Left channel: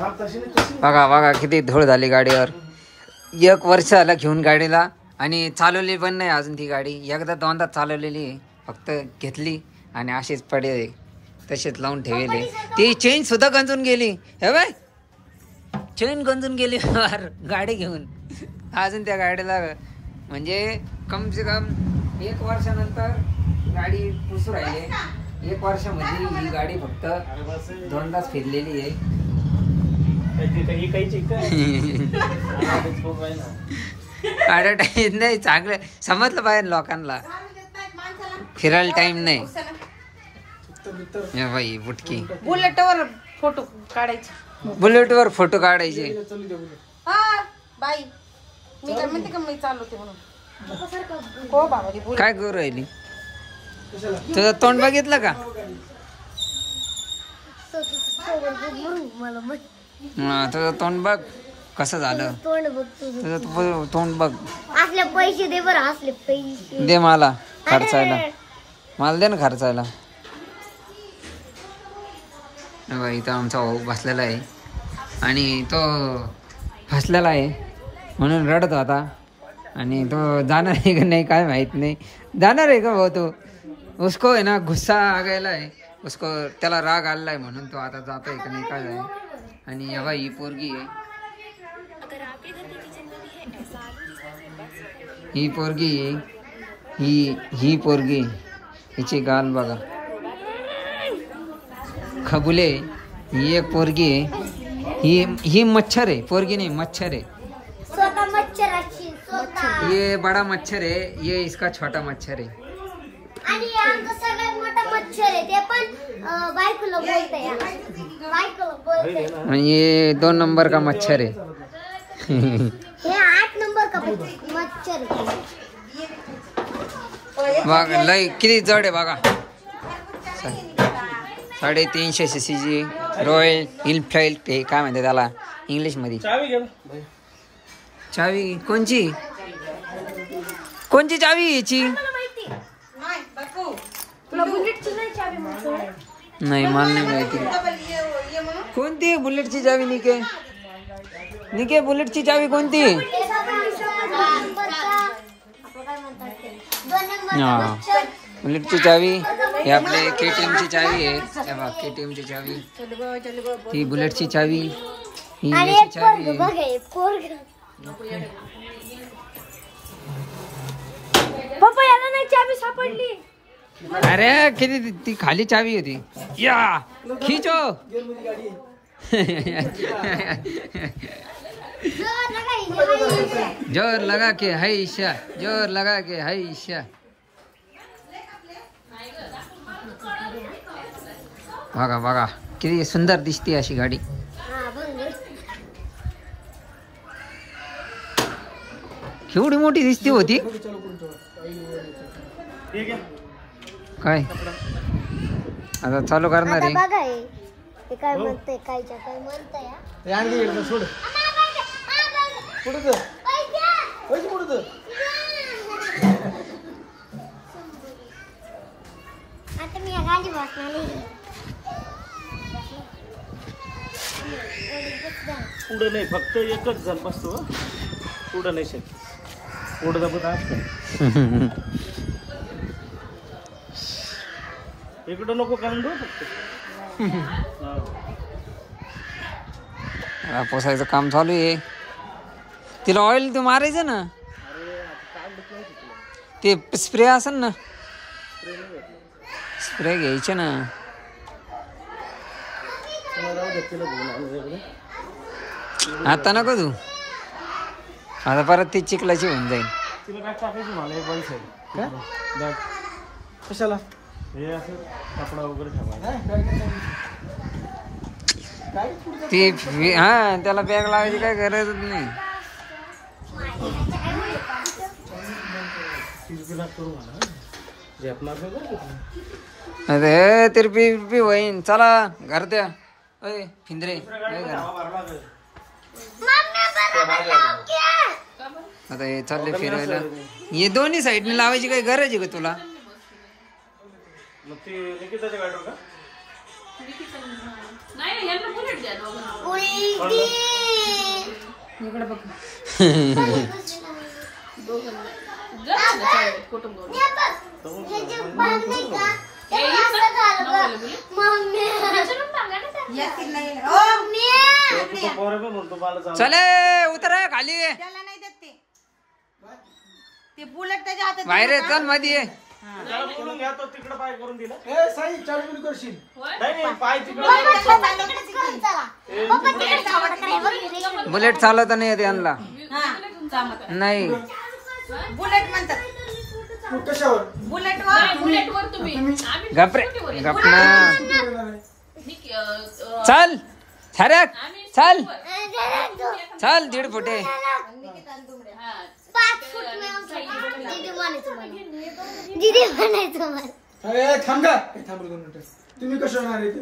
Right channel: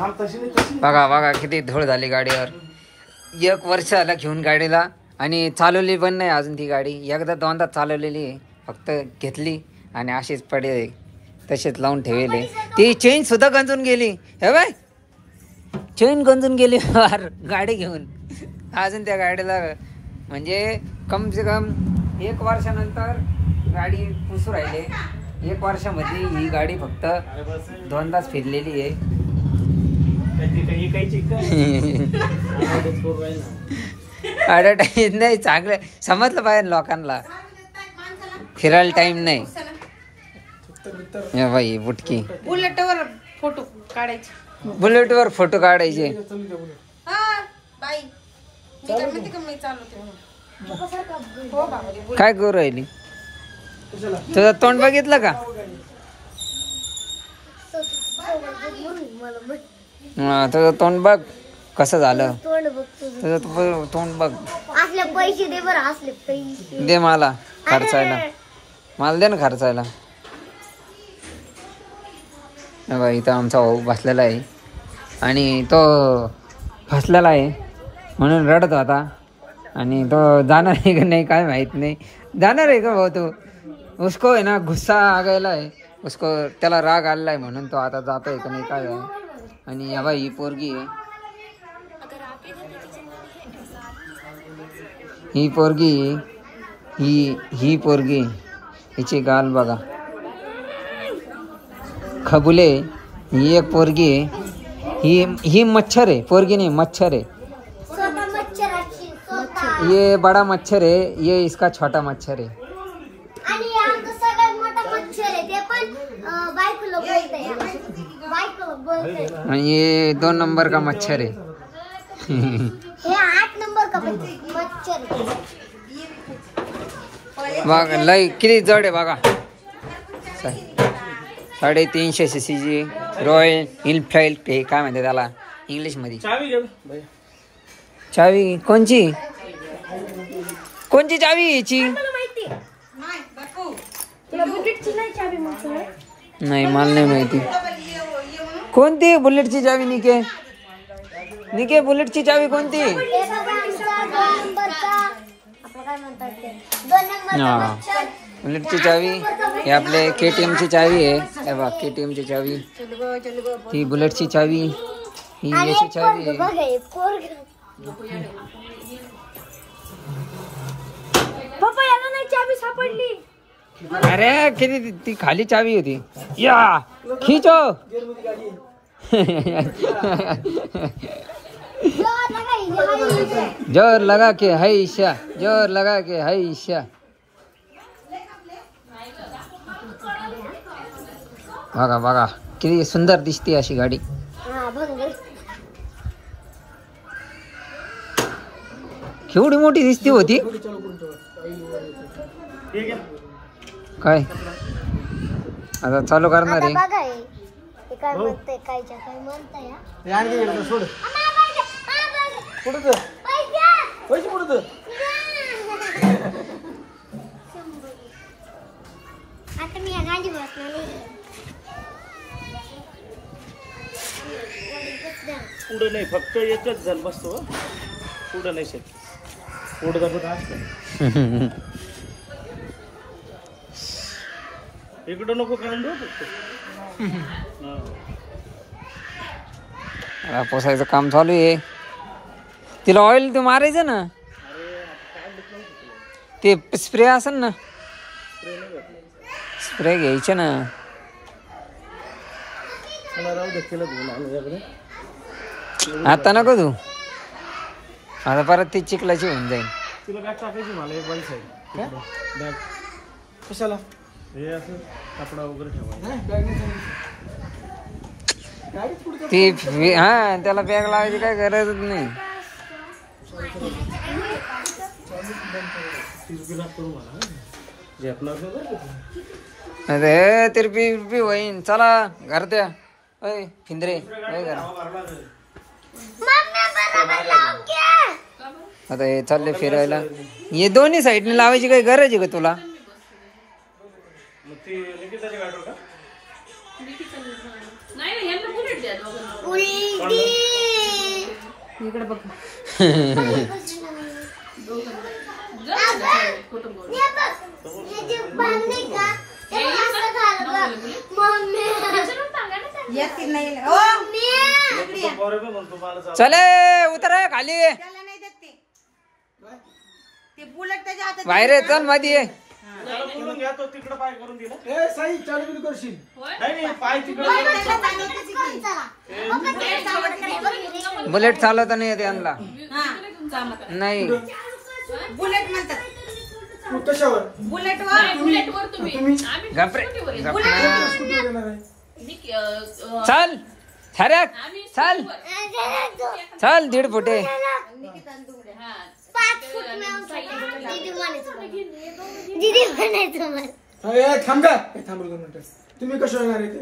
बघा बघा किती धूळ झाली गाडीवर. 1 वर्ष झालं घेऊन गाडीला आणि चालवली पण नाही अजून ती गाडी. एकदा दोनदा चालवलेली आहे, फक्त घेतली आणि अशीच पडे तसेच लावून ठेवले. ती चेन सुद्धा गंजून गेली. हे बाय चेन गंजून गेली यार गाडी घेऊन. अजून त्या गाडीला म्हणजे कम से कम 1 वर्षानंतर गाडी पुसू राहिले. 1 वर्षामध्ये ही गाडी फक्त 2दाच फिरलेली आहे. ॲडव्हर्टाईज नाही, चांगलं समजलं पाहिजे लोकांना. फिरायला टाइम नाही. बाई बुटकी बुलेटवर फोटो काढायचे. बुलेटवर फोटो काढायचे. काय करू राहिली? तुझं तोंड बघितलं का? तुझं तोंड बघ कसं झालं. तुझं तोंड बघ. पैसे दे बरं. असले पैसे दे मला खर्चायला. मला दे ना खर्चायला. इथं आमचा भाऊ बसलेला आहे आणि तो फसलेला आहे म्हणून रडत होता. आणि तो जाणार आहे का नाही काय माहित नाही. जाणार आहे का भाऊ तो? उसको आहे ना गुस्सा आ गया है उसको. त्याला राग आलेला आहे म्हणून तो आता जातोय का नाही काय आहे. आणि या बाई ही पोरगी आहे. ही पोरगी ही पोरगी हिची गाल बघा. खबुले ही एक पोरगी आहे. ही मच्छर आहे. पोरगी नाही मच्छर आहे. ये बड़ा मच्छर है, ये इसका छोटा मच्छर है. आणि आमचा सगळ्यात मोठा मच्छर आहे ते पण बायकोला बोलतंय. बायकोला बोलतंय. आणि ये 2 नंबर का मच्छर है. हे 8 नंबर का मच्छर बघा लय किती जड आहे बघा. 350 cc रॉयल इनफिल्ड. ते काय म्हणते त्याला इंग्लिश मध्ये. चावी कोणची चावी याची? नाही मला नाही माहिती. कोणती बुलेटची चावी? निके बुलेटची चावी कोणती? हा बुलेटची चावी. हे आपले KTM ची चावी आहे. हे बघ KTM ची चावी. ही बुलेटची चावी. ही याची चावी आहे. पप्पा याला नाही चावी सापडली. अरे किती ती खाली चावी होती. या खींचो. जोर लगा के है ईशा. जोर लगा के है ईशा. बघा बघा किती सुंदर दिसते अशी गाडी. केवढी मोठी दिसती होती. काय आता चालू करणार आहे. काय म्हणते काय म्हणताय. आता मी गाडी बसणार. पुढं नाही फक्त एकच जण बसतो. पुढं नाही शकत. पुढं दाबत असतो. इकडं नको कारण फक्त पोसायचं काम चालू आहे. तिला ऑइल तू मारायचं ना. ते स्प्रे असेल ना. स्प्रे घ्यायचे ना. आता नको तू. आता परत ती चिखलाची होऊन जाईल. तिला बॅग टाकायची मला एक बाईस आहे. बॅग कशाला? हे असं कपडा वगैरे ठेवायचा. ती हा त्याला बॅग लावायची काय गरजच नाही. अरे तिरपी होईन. चला घर द्या. अय फिंदरे आता हे चालले फिरायला. हे दोन्ही साईडने लावायची काही गरज आहे का तुला? इकडे बघ चले उतर खाली बुलेट त्याच्या हातात बाहेर ये, चल मध्ये ये. बोलून घ्या तो तिकडे पाय करून दिला ए साई चालू करशील नाही पाय तिकडे बुलेट चालवता नाही येत यांना नाही. बुलेट म्हणतात कशावर बुलेटवर तुम्ही गपरे गपना चल सरक चल चल 1.5 फुटे 5 फूट में हम दीदी म्हणायचं मला. ए थांब जा थांब 2 मिनिटं तुम्ही कशावर येणार इथे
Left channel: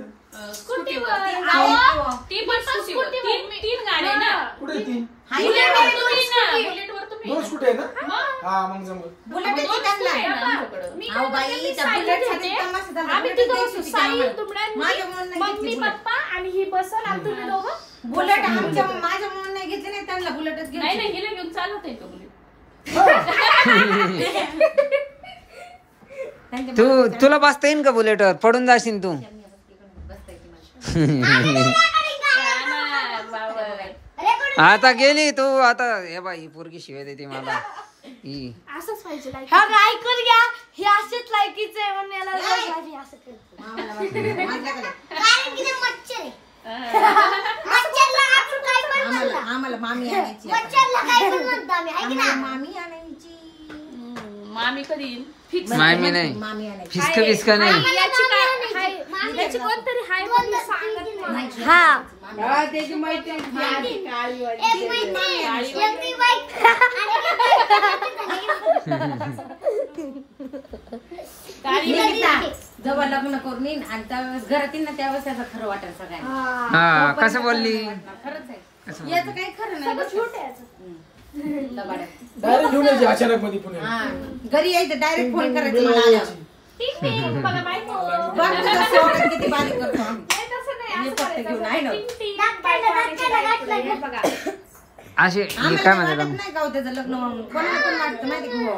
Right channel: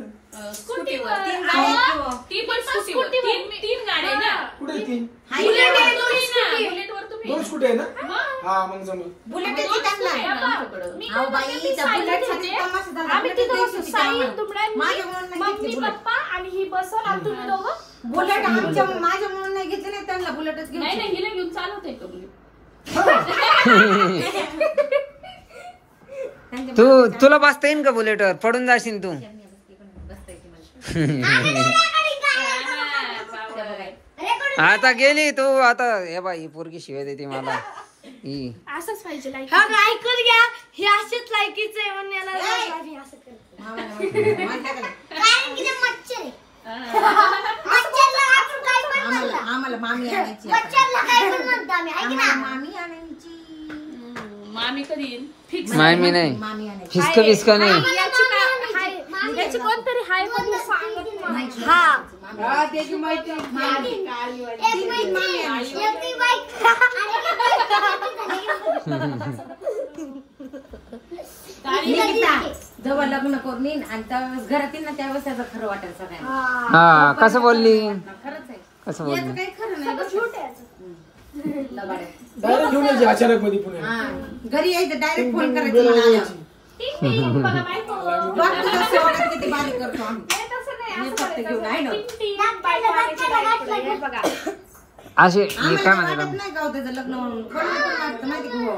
स्कूटीवर कुठे आहे ती बुलेटवर तुम्ही 2 स्कूटी आहे ना हा मग जमल बुलेट अहो बाई त्या बुलेट आम्ही तिथं बसू साई तुमड्या मम्मी पप्पा आणि ही बसल आणि तुम्ही दोघं बुलेट आमच्या माझ्या म्हणून नाही घेतले नाही त्यांना बुलेटच घेऊन नाही हिला घेऊन चालवते तो बुलेट तुला बसता येईन का बुलेटवर? पडून जाशील तू. आता गेली तू. आता हे बाई पोरगी शिवाय देते मला. असंच पाहिजे लाईक ऐकून घ्या हे असेच लायकीचे आहे म्हणायला असं केलं कारण की ते मच्छर आहे. मच्छरला आपण काय पण म्हणतो. आम्हाला मामी आणायची मच्छरला काय पण म्हणतो आम्ही ऐक ना. मामी आणायची मामी कधी फिक्स मामी नाही मामी आणायची फिस्क बिस्क नाही. याची कोणतरी हाय पण सांगत नाही. हा त्याची माहिती एक मामी एवढी बाईक जेव्हा लग्न करून येईन आणि त्यावेळेस घरात येईन ना त्यावेळेस त्याचं खरं वाटेल सगळ्यांना. हा कसं बोलली खरंच आहे कसं याचं बोलली काही खरं नाही डायरेक्ट घेऊन यायची अचानक मध्ये पुणे घरी यायचं डायरेक्ट फोन करायचं मला आल्यावर. बघा बायको बघ तुझं सेवढं किती बारीक करतो आम्ही. तसं नाही हे फक्त घेऊन आहे ना बघा असे आम्हाला काय वाटत म्हणाला नाही का हो त्याचं लग्न कोणाला पण वाटतं माहिती का हो